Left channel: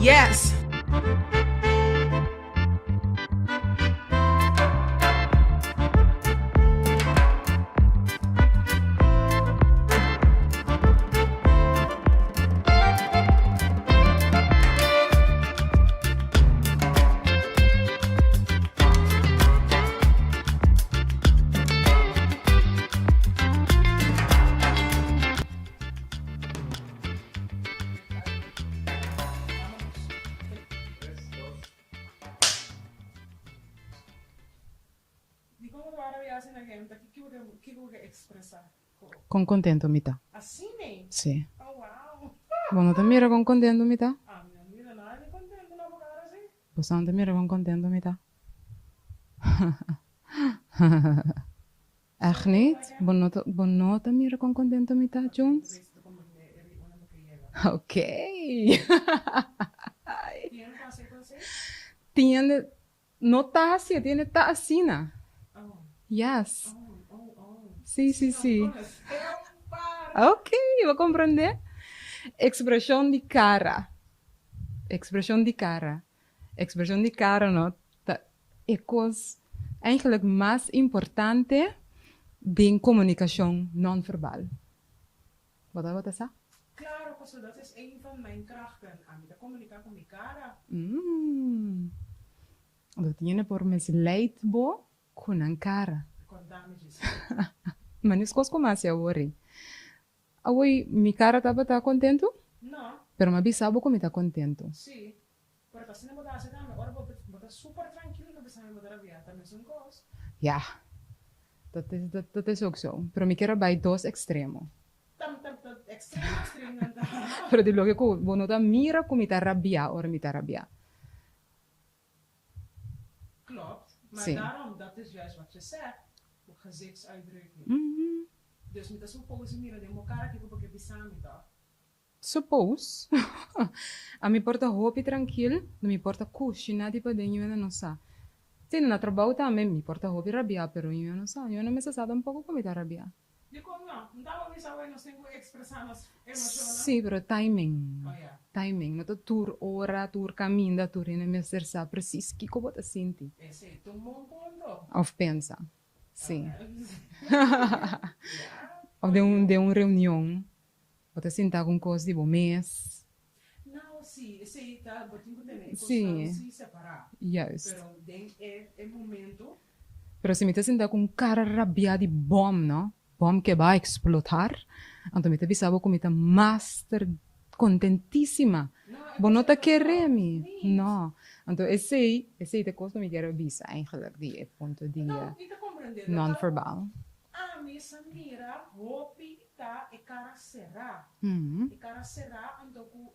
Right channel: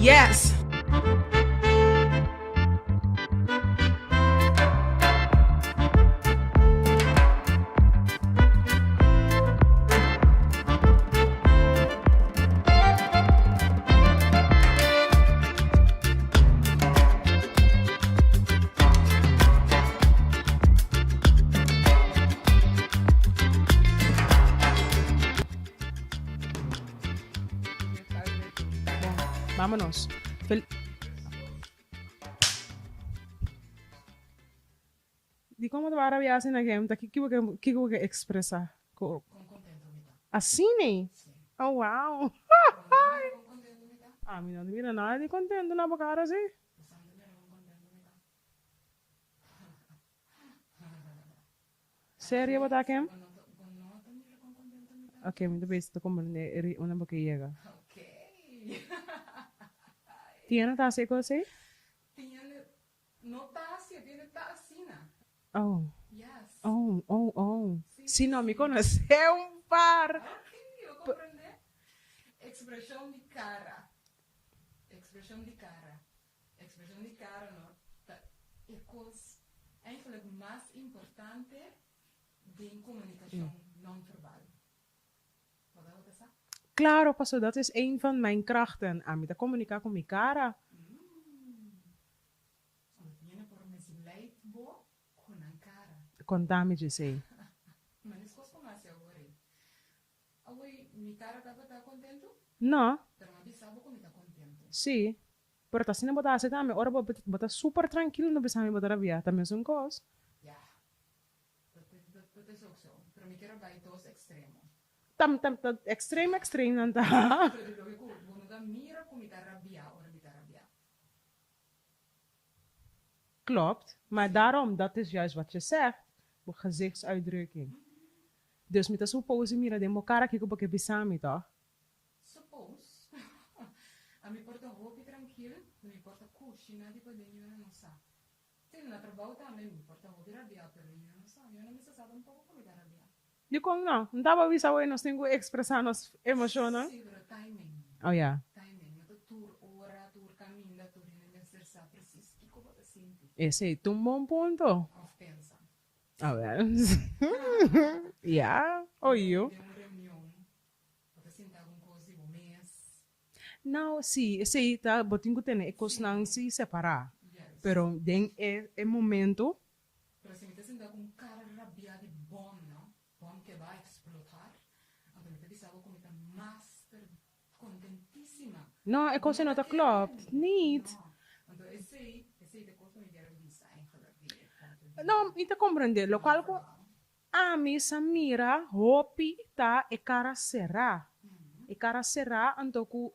Yes. Vámonos. Di como te va a rabiar sin game, te kiko que expresa. Con contento, mita. Así ne? Sí. Oh, wow. Vos no te mira con contento, mita. A mí no te mira nada de contento na boca así. Vos no te mira con contento, mita. Echt Serio, niet? wat ik Vos no te mira con contento, mita, Ok, Jones? te ves como una boca llega. Ok. ¿Tiene así cosa? Tiene, no está así, tiene está así, na. Oh. Yes. Oh. Sí, Sí, sí, no, sí. me conoce un par. Ok, vou compreender. Expressão de cara. Expressão de cara. Expressão de cara, não? É coisa eigenlijk mais importante de comunicação não-verbal. Wat is dat? Claro, paso, dat is een van mijn krachten. A mí te comunicar con mi cara. Dat tiene por misleid bo con een cara. Contame, Giselle. Maar niet coisa como assim, worry. Away, mi cara estava contento? No, Pero me bisabo como está contento. sí. Pero está sin botar así también. Ahora bota súper tranquilo, no pensaba en botar a via. También son cosas. Ja, dat is ook zo. Pero me quiero bij dos extremos. Extreme, dan Pero di luego que uno da mira como está rabia o me está rabia. Klopt. Maar Sí. daarom, dat is juist wat je zegt. Op gezichtsuitdrukking. Dus met de suppose mira, de mo cara kiko porque bisami, toch? Suppose. A me porta hopi tranquilo, não me porta cushina di pa denyo na não sa. Sim, na trabalho também me porta hopi rabia, pero eu não sa. Eu não me sa um pouco como está rabia. Yo con no, não estaba bisa hoy, nos tengo expresar nos emociones. Sim, pero timing. Oh ja. Timing. Não tá tour hora, tour caminho, tour in me ser sa precies que como tá senti. Ese es un buen punto. Of pensa. Sim. Ja. Of de reunião. Ou tá sentar com coisa de bom mês. Não, sim, esse tá, botinho tem é coisa Sim. não se separar. Juist. Pero den é momento. Pero se me te sentar com cara rabia de bom, não? Bom que vai explotar. Então me te bisabo como tá master contentíssima. Não, é Bom, coisa não tá klopt. querendo. Niet. Não. Então esse é coisa me quero bisa eigenlijk die ponto de Não, e te compreender. Local non-verbal. a mim Samira, hopi tá e cara será. E cara será antoku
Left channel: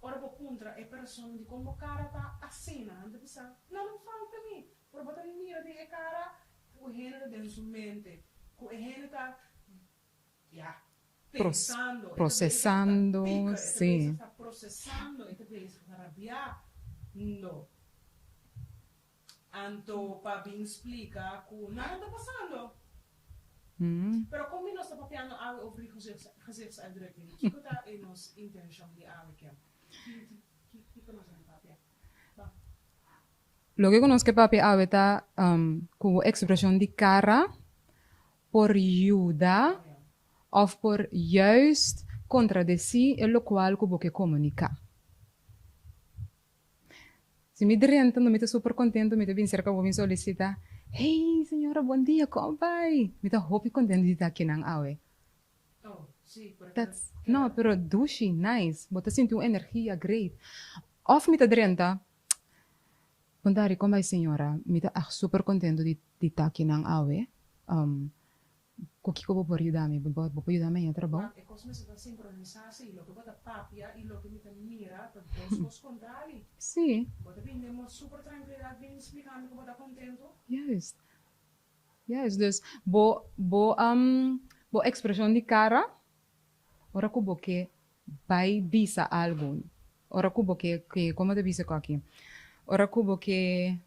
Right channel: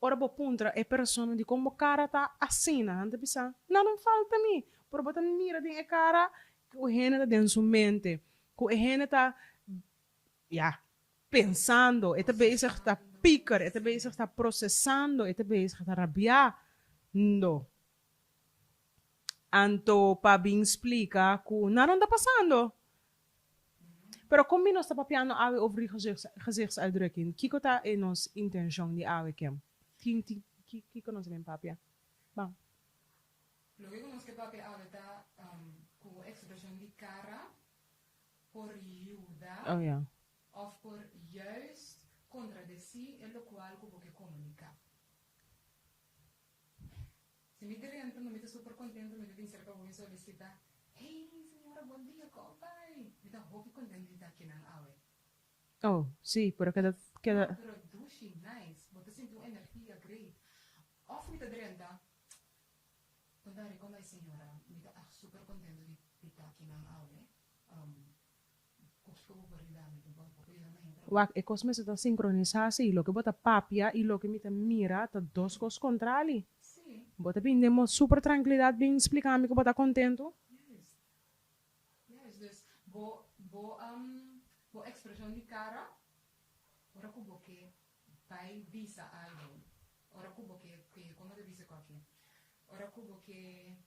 ora bo puntra é persona de como cara tá assim, anda bisa. Não falta mim. Por botar mira de cara o rena dentro sua mente. Que o rena tá pensando, é bezig está processando, picker, é sim. bezig está processando, é bezig está rabiar. No. Anto pa bem explica que nada está passando. Pero como nós está papiando over gezichtsuitdrukking, kiko ta in ons intention die awe kem. Kiko nos gen papia. Bang. Lo que conozco papi aveta como expressão de cara por ajuda Oh ja. of por juist contradicir e lo qual como que comunicar. Se me direnta, não me estou super contento, me estou bem cerca, vou me solicitar. Hey, senhora, bom dia, como vai? Me estou hopi contento de estar aqui na awe. Oh, sí, pero No, pero douche, nice. Bota sinto uma energia great. Of me estou direnta, Contare, como vai, senhora? Me estou super contento de estar aqui na awe. O que eu vou ajudar me? Vou ajudar me a trabalhar. Wak, ik was met de synchronisatie, lo que bota papia y lo que me mira, tá dos cosas contrari. Sim, Bota bem, demos super tranquilidade, bem explicar me que bota contento. juist. Juist, dus bo expressão de cara, ora que que vai bisa algo. Ora que como te bisa aqui? Ora que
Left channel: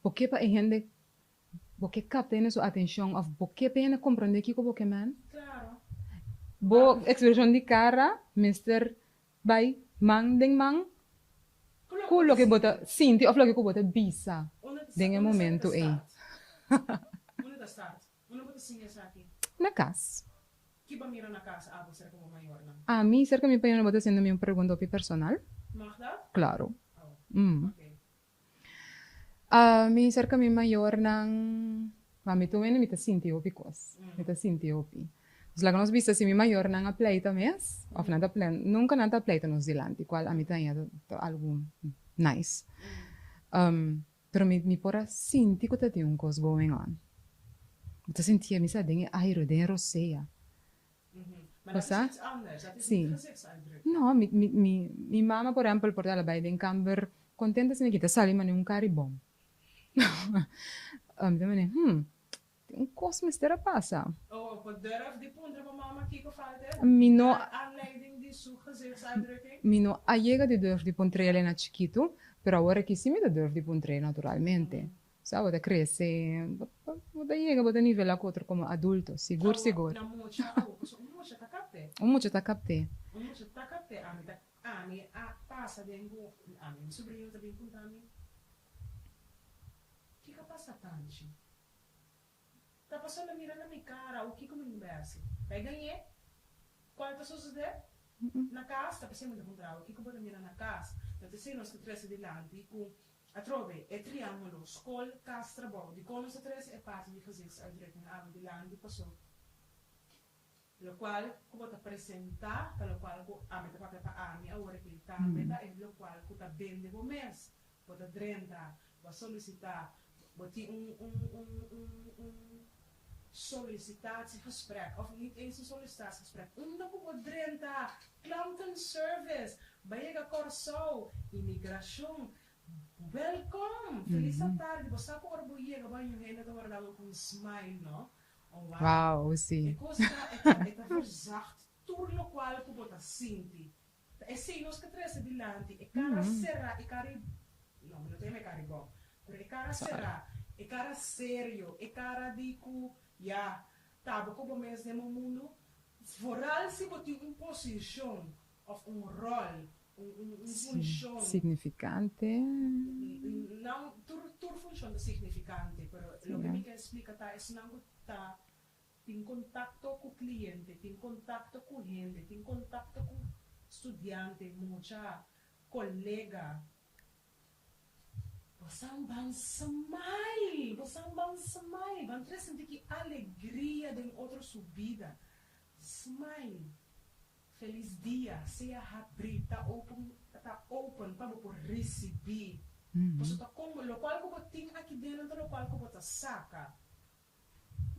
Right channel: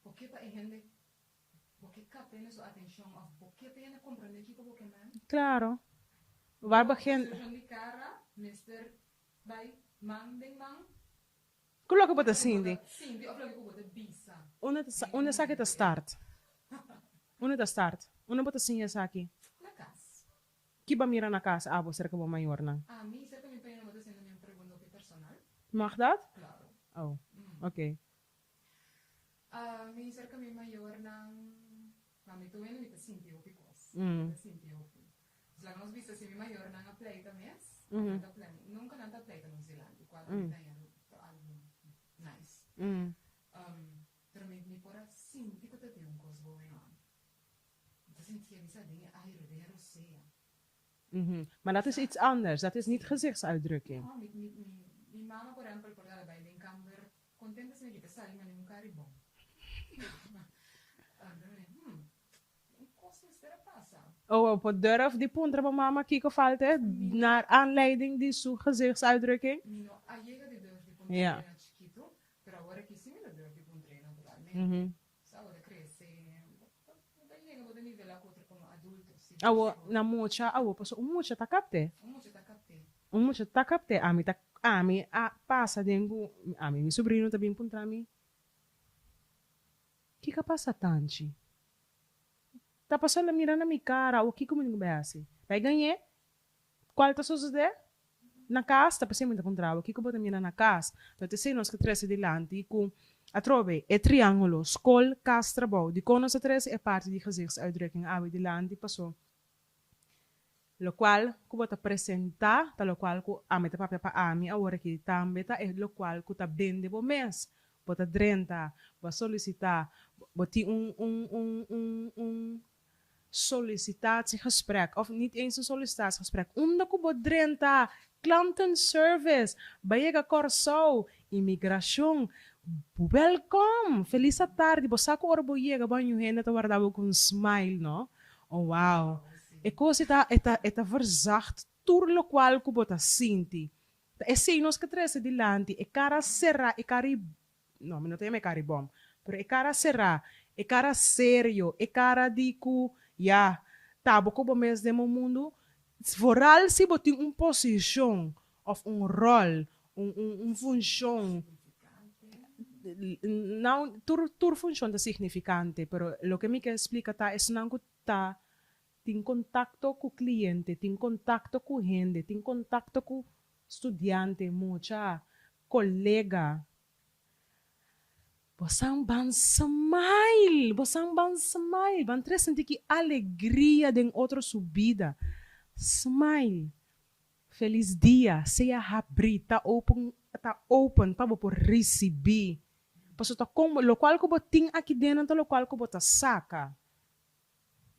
porque para gente porque capta en su atención, of porque pena comprende que como que man. Claro. Bo expresión de cara, Mr. By man ding man. Kulo ka Lo bota que sindi. bota sinti of lo que bota bisa. Una Dingen sa kita momento in. start. Una ta start. Una bota sinha sa aqui. Na casa. Kiba mira na casa, abo cerca bo maior na. A mí cerca mi país no bota haciendo mi pregunta personal. Mag dat? Claro. Oh, Mm. okay. A mí cerca mi mayor nang mami tu ven mi ta sinti opi kos. Mi ta sinti opi. Dus laga nos vista si mi mayor nang a pleita mes, of nanta plan, nunca nanta pleita nos dilanti, qual a mi ta algo nice. Pero mi pora sinti ko ta ti un kos going on. Ta sinti mi sa dinge airo de rosea. Maar dat is Isa? iets anders. Dat is niet gezichtsuitdrukking. No, mi mama por ejemplo por la bij den camber contenta se me quita sali mane un caribom. Un kos mistera pasa. Oh, op durf die puntra van mama kiko falte. Mino- Naar aanleiding die zo gezichtsuitdrukking. Mino allega de durf di pontrele Ja. na chiquito, pero ahora que sí me da durf di pontrele naturalmente. Sabe, crece, bota llega, bota nivel a otro como adulto, seguro, Awo, seguro. na mucha, awo, pues mucha ta kapte. Mucho ta capte. Mucha ta kapte. Ami, pasa dengo, ami, mi sobrino também puntra mi. Kika pasa tanchi. Tá passando a mirar na minha cara, o que comigo vai assim? Vai ganhar? Qual tá sucedendo? Na casa, tá passando muito contra o que eu vou mirar na casa? Então, te sei nós que três delante com a trove é triângulo, skol, casa, trabalho. De quando nós três é parte de gezichtsuitdrukking, a delante passou. Lo qual ku bota apresentar, ta lo qual ku amita papia pa ami agora que também tá é lo qual ku ta bende bo mês, bota drenta, va solicitar, boti sollicitatiegesprek of niet eens een sollicitatiegesprek. Onda ku bot drenta, klantenservice, bayega corso, imigração. Welcome, feliz tarde. Bosa ku orbo yega banho henda ta guardava com smile, no? Oh, wow. Wow, sí. E coisa eta verzacht tur lo qual ku bota sinti. E sei nos que trece dilante, e cara serra, e cari no, me não tem cari bom, pero e cara serra, e cara sério, e cara di ku ja, tabo ku bo mes demo mundo, vooral se boti posição of rol, função. Significante. Não, tur função da significante, pero lo que me que explica tá es não tá tem contacto com o cliente, tem contacto com gente, tem contacto com estudante, mucha colega. Você ban smile, ban tres sentir que alegria de outra subida. Smile. Feliz dia, seja abrir, tá open para por receber. Porque tá como, lo qual que botin aqui dentro, lo qual que bota saca.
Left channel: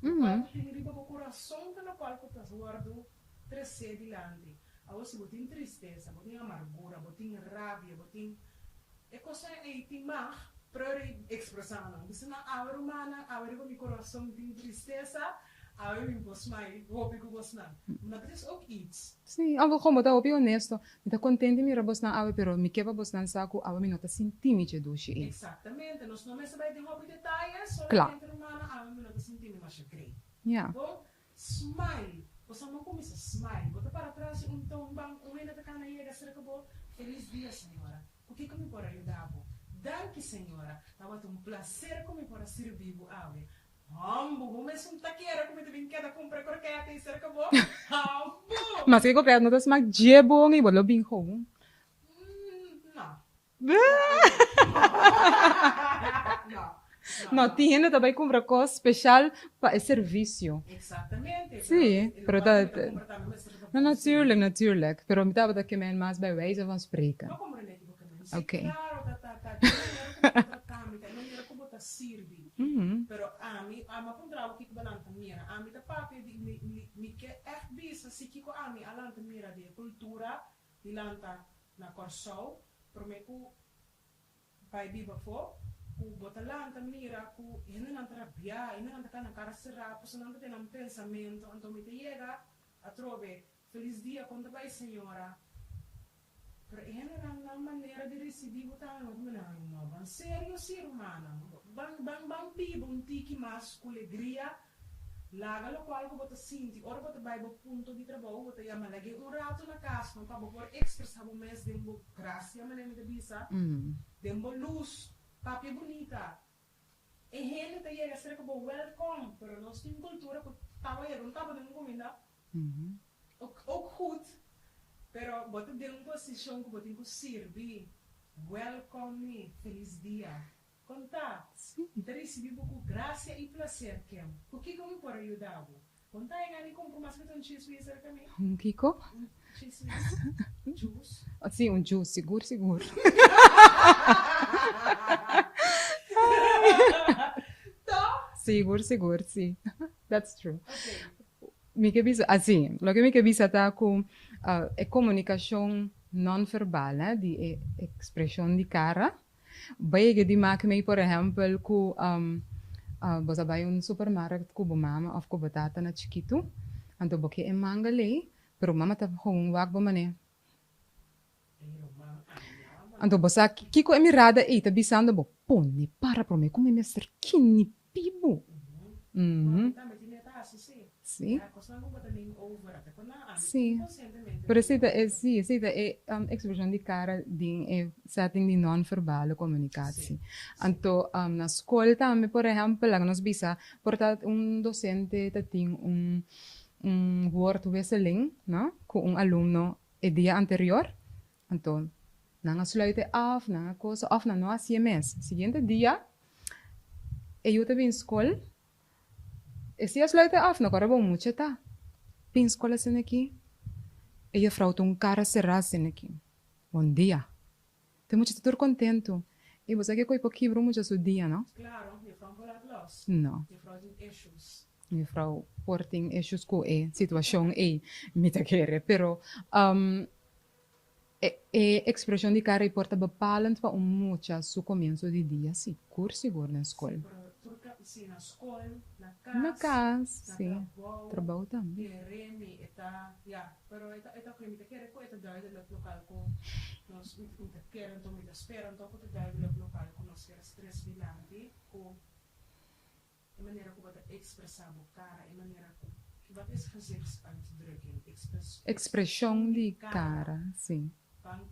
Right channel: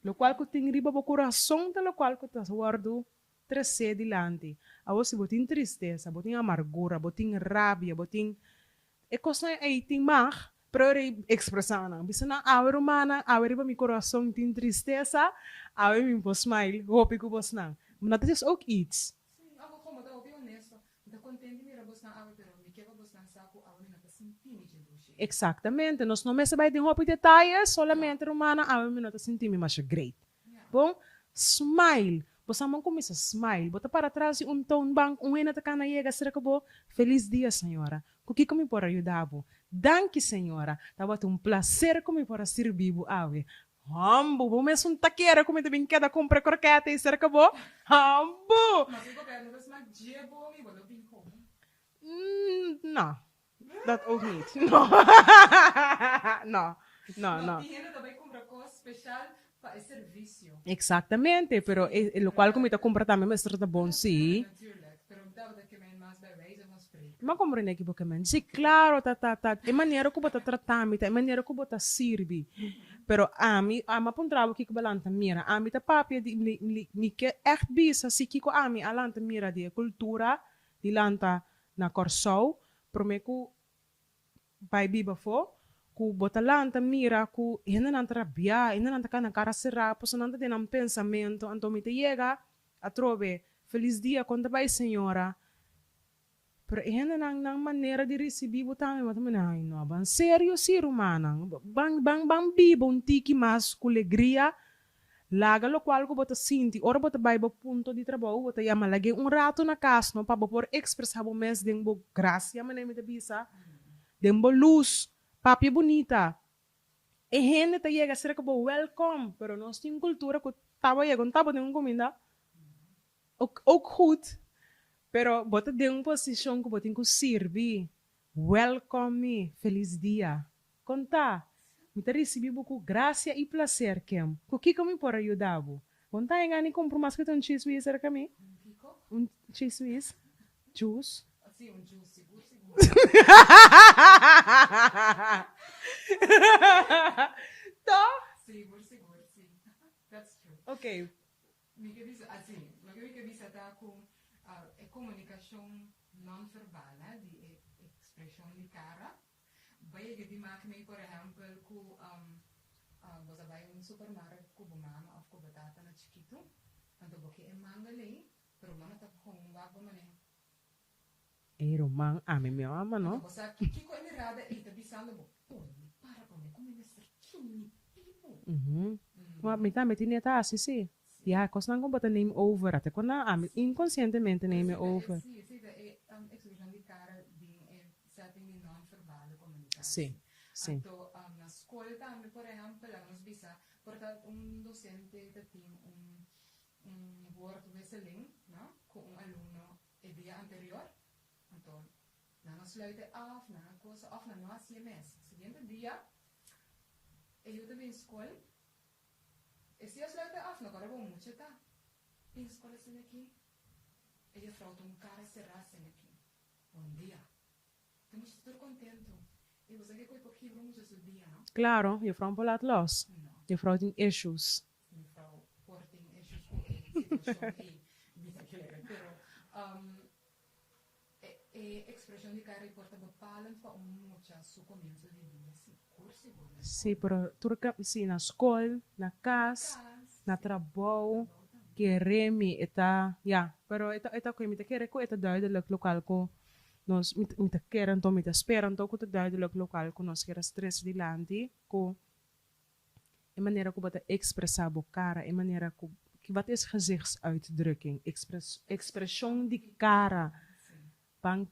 Lo qual que tem riba o coração, lo qual que tá guardo trece dilante. A você botin tristeza, botin amargura, botin rabia, botin e coisa aí tem mar, para expressar, bisa na awer humana, awer ba mi coração tem tristeza, awer mi po smile, hope ko bos na. Maar dat is ook iets. Sí, algo como ta opi honesto. Mi ta contente mi rabos na awe, pero mi keba bos nan saco awe mi nota sintimi che dushi. Exactamente. Nós não mesa vai de hope detalhes, solamente humana, awer mi nota sintimi mas great. Yeah. Bom, smile. Você não começa a smile. Bota para trás tone bank, ena tá na yega, será que bo? Feliz dia, senhora. O que me pode ajudar? Danke, senhora. Tava um prazer como para servir ave. Hambo, vou mesmo taqueira como também queda compra croquete e será que bo? Hambo. Mas que comprar notas mag jebo ngi bolo bing hong. Não. Não. No, tiene também compra coisa especial para serviço. Exatamente, pero lo pero qual dat- como te compra também mas trata bom Natuurlijk, natuurlijk. Pero mi tava dat que men mas bij wijze van spreken. Ma compreende aqui porque men. Sim, Ok. claro, de maneira como tá tratando, de maneira como tá sirvi. Pero ama pontrava que balanta mira, ami ta papi ni que echt bisa si kiko ami alanta mira de cultura, di lanta na Corsou, promeku pai biba fo, ku botalanta mira ku ina nan trabia, ina nan kana cara será, pois não tem um pensamento, então me te chega a trove, feliz dia, conta vai senhora. Pero nang maneira de receber o também, mas também ai não, ban sério ser humano, bang bibo um tiki mais com alegria, laga lo qual ko bota sinti, ora bota vai bo punto de trabalho, bota yama lagi rato na casa, não para por expressar o mês de bo graça, mas nem me bisa, de bo luz, papi bonita. E gente tá chega será que bo welcome, pero nós tem cultura que tava chegando, tava de comida, ook goed. Pero bota de posição que bota que servir. Welcome me. Feliz dia. Conta. Bota receber com graça e prazer kem. O que me pode ajudar? Conta em ani compro mais que um cheese Swiss era kami. Kiko? Cheese Swiss. Juice. Sim, juice, seguro. Seguro, sim. That's true. Okay. Assim, lo que me avisa tá com é comunicação não verbal, né? De expressão de cara. Vai que de maak me, por exemplo, com você vai supermercado com a mama ou com batata na chiquito, então porque é mangale, pero mama tá com wag ba mané. Romang meu ama. Então você kiko emirada tá bisando bo pone para pro me como me ser kini pibo. Mas me tá metendo assim, sim. Yeah, cos não bota name over, até quando inconscientemente name over. Pero é expressão de cara de setting de non-verbal comunicação. Então, na escola também, por exemplo, lá nós bisa, portanto, docente tem woordwisseling, não? Com aluno o dia anterior. Então, não sluiten af, não coisa af, não há CMS. Seguinte dia, eu também escola. E se sluiten af, não corre bom muito, tá? Bem escola assim aqui. E a frau tem cara cerrada assim aqui. Bom dia. Tem muito estar contento. E você que coi pouquinho para muito seu dia, não? Claro, e a frau não pode los. Não. E a frau tem issues. E a frau tem issues com a situação me tá querer, pero expressão de cara importa bepalend para muito seu começo de dia, seguro na escola. Sim, pero turca sim na escola, na casa, na trabalho também. Queremi eta, pero eta ko imita querer ko eta duidelijk local ko nós imita querer então imita esperam então ko eta duidelijk local ko nós querer stress de landi ko e maneira ko bata expressar bo cara, e maneira ko que wat is gezichtsuitdrukking, expressão de cara. Sim. Bang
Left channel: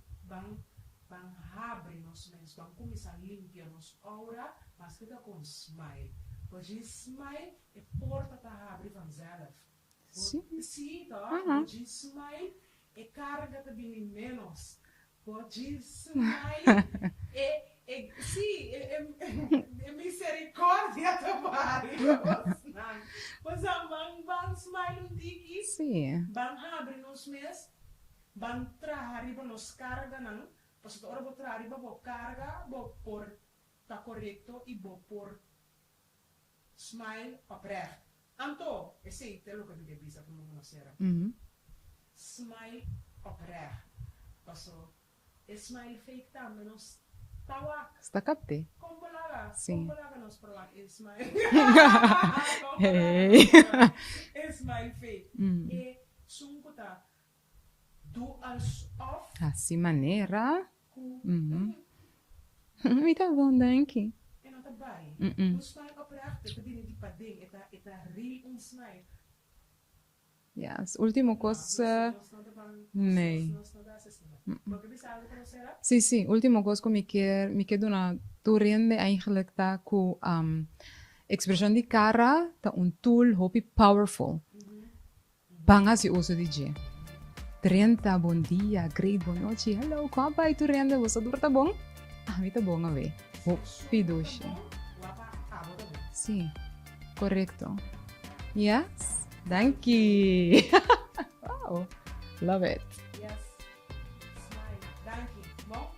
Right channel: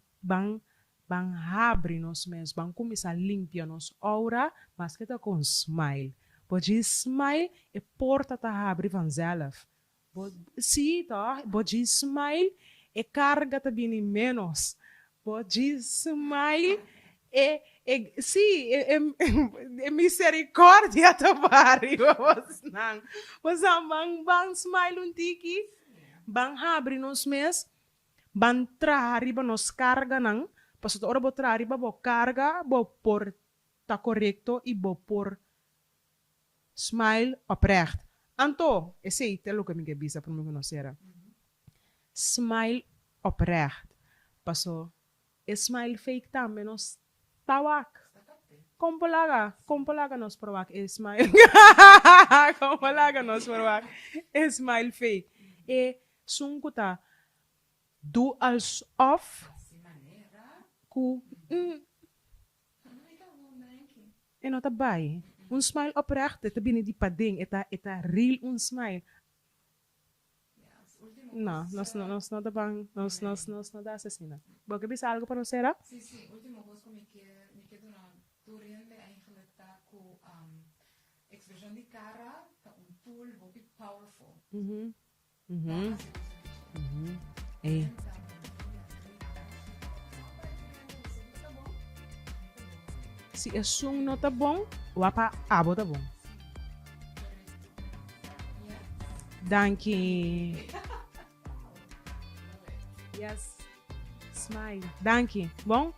abre nos mesmos, bang começar a limpar nos aura, mas que tá com smile. Pode smile e porta tá abre vanzelf. Sim, tá? Pode smile e carga tá bem menos. Pode smile e misericórdia tá barrio. Mas bang smile um tiki. Sim. Bang abre nos mesmos. Ban trahariba nos carga nang, pasto ora bo trahariba bo carga, bo por tá correcto e bo por smile oprecht. Anto, esse é o que me bisa para me conhecer. Smile oprecht. Pasto, smile fake também nos tawak. Está capte. Compolaga nos provak smile. Compolaga nos provak smile fake. E sunkuta do alsof. Assim maneira. Me tá bom, danke. E não tá bem. Smile oprecht, tá bem de pading, eta real smile. Yes, último coisa. Nós não dá bem, nós não dá assassina. Você bisa algo para nós, era? Sim, último coisa que me quer donar, tu rende eigenlijk tá com expressão de cara, tá tool hopi powerful. Banga se uso de dia. 30, bom dia, great, boa noite. Hello, como vai tu rende? Você tá bom? Tá bom, a ver. Se é não tá bom, o apa abo tá bom. Sim, correto. Yes? Thank you. Wow, love it. Yes. Smile. Thank you. Bom?